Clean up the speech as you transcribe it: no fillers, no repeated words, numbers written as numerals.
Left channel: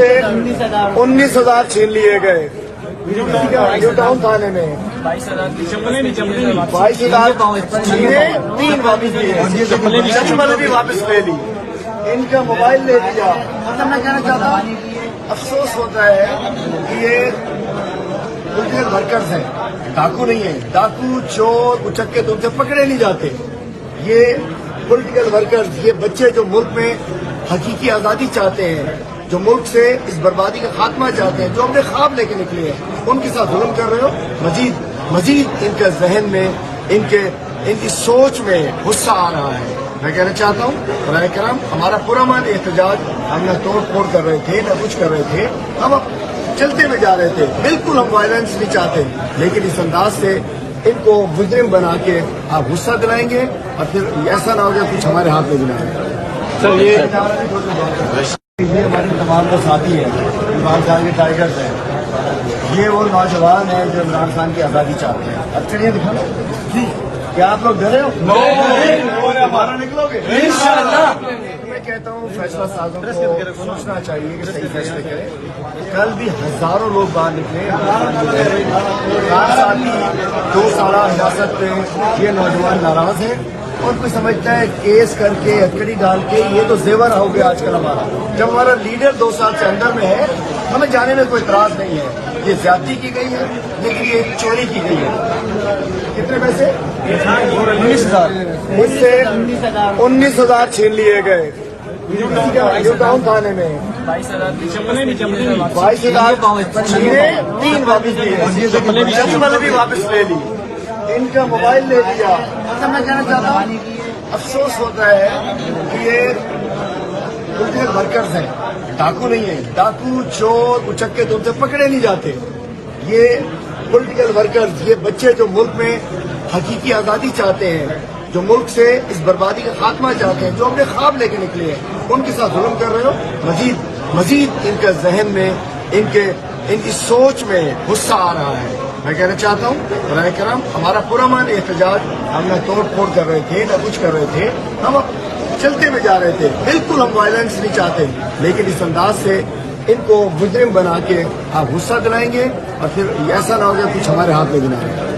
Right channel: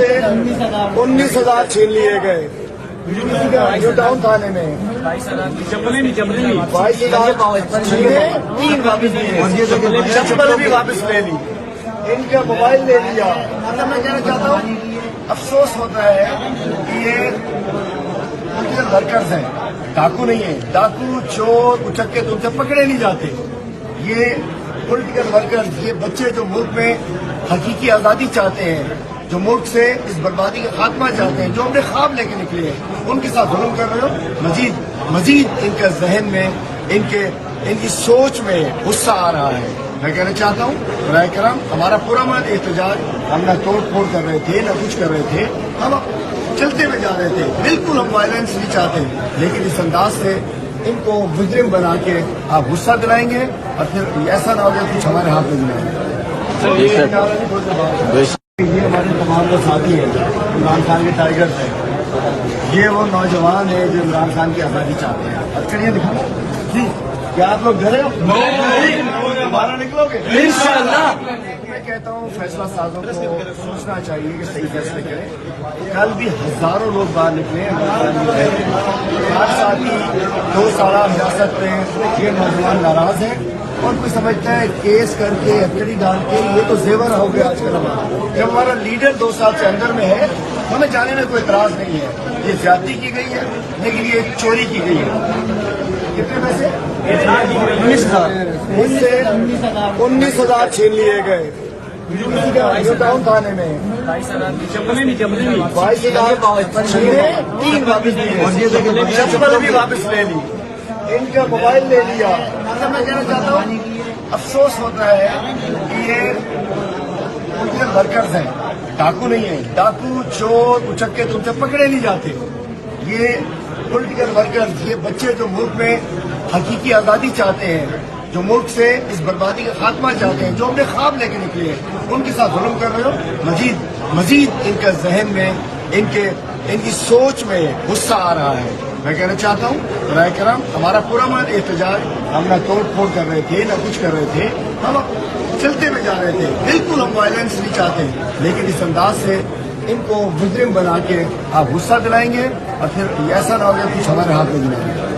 से 19,000 छीन लिए गए न्यू टाउन थाने में। 22,000 छीने, 3 वापस लिए, शशबल भी वापस ले ली, इनका मोबाइल ले लिया। मतलब मैं कहना चाहता हूँ, अफसोस होता है कि ये पॉलिटिकल वर्कर्स हैं, डाकू नहीं है। डाकू चोर उचक्के तो उनसे पकड़े नहीं जाते। ये पॉलिटिकल वर्कर्स, ये बच्चे जो मुल्क में हकीकी आज़ादी चाहते हैं, जो मुल्क से इस बर्बादी का खात्मा चाहते हैं, जो अपने ख्वाब लेके निकले हैं, उनके साथ जुल्म कर रहे हो। मजीद इनके जहन में, इनकी सोच में गुस्सा आ रहा है। मैं कहना चाहता हूँ बराए करम, हमारा पूरा मान एहतजाज, हम ना तोड़ फोड़ कर रहे थे, ना कुछ कर रहे थे, हम चलते हुए जा रहे थे। बिल्कुल हम वायलेंस नहीं चाहते, लेकिन इस अंदाज से इनको मुजरिम बना के आप गुस्सा दिलाएंगे और फिर ऐसा ना होगा कुछ हमारे हाथ में दिलाएंगे। ये हमारे तमाम वो साथी हैं, इमरान खान के टाइगर्स हैं। ये वो नौजवान हैं जो इमरान खान की आज़ादी चाहते हैं। अब चलिए दिखाओ जी, क्या आप लोग डरे हो? बाहर निकलोगे इंशाअल्लाह। मैं कहता हूँ फैसला साजों को सोचना चाहिए कि सही फैसले करें। कल भी हजारों लोग बाहर निकले, 8 साथी 2 साल हिरासत में, ये नौजवान नाराज हैं और कोई समझता है केस करके हथकड़ी डाल के ये तो जेवर हो गया आजकल हमारा। जब हमारा लीडर 2 साल से अंदर में है, हमें जाने में कोई इतराज नहीं है। ये ज्यादती की गई है, लेकिन ये चोरी की गई है। कितने पैसे? 19,000। इससे 19,000 छीन लिए गए न्यू टाउन थाने में। 22,000 छीने, 3 वापस लिए, शशबल भी वापस ले ली, इनका मोबाइल ले लिया। मतलब मैं कहना चाहता हूँ, अफसोस होता है कि ये पॉलिटिकल वर्कर्स हैं, डाकू नहीं है। डाकू चोर उचक्के तो उनसे पकड़े नहीं जाते। ये पॉलिटिकल वर्कर्स, ये बच्चे जो मुल्क में हकीकी आज़ादी चाहते हैं, जो मुल्क से इस बर्बादी का खात्मा चाहते हैं, जो अपने ख्वाब लेके निकले हैं, उनके साथ जुल्म कर रहे हो। मजीद इनके जहन में, इनकी सोच में गुस्सा आ रहा है। मैं कहना चाहता हूँ बराए करम, हमारा पूरा मान एहतजाज, हम ना तोड़ फोड़ कर रहे थे, ना कुछ कर रहे थे, हम चलते हुए जा रहे थे। बिल्कुल हम वायलेंस नहीं चाहते, लेकिन इस अंदाज से इनको मुजरिम बना के आप गुस्सा दिलाएंगे और फिर ऐसा ना होगा कुछ हमारे हाथ में दिलाएंगे।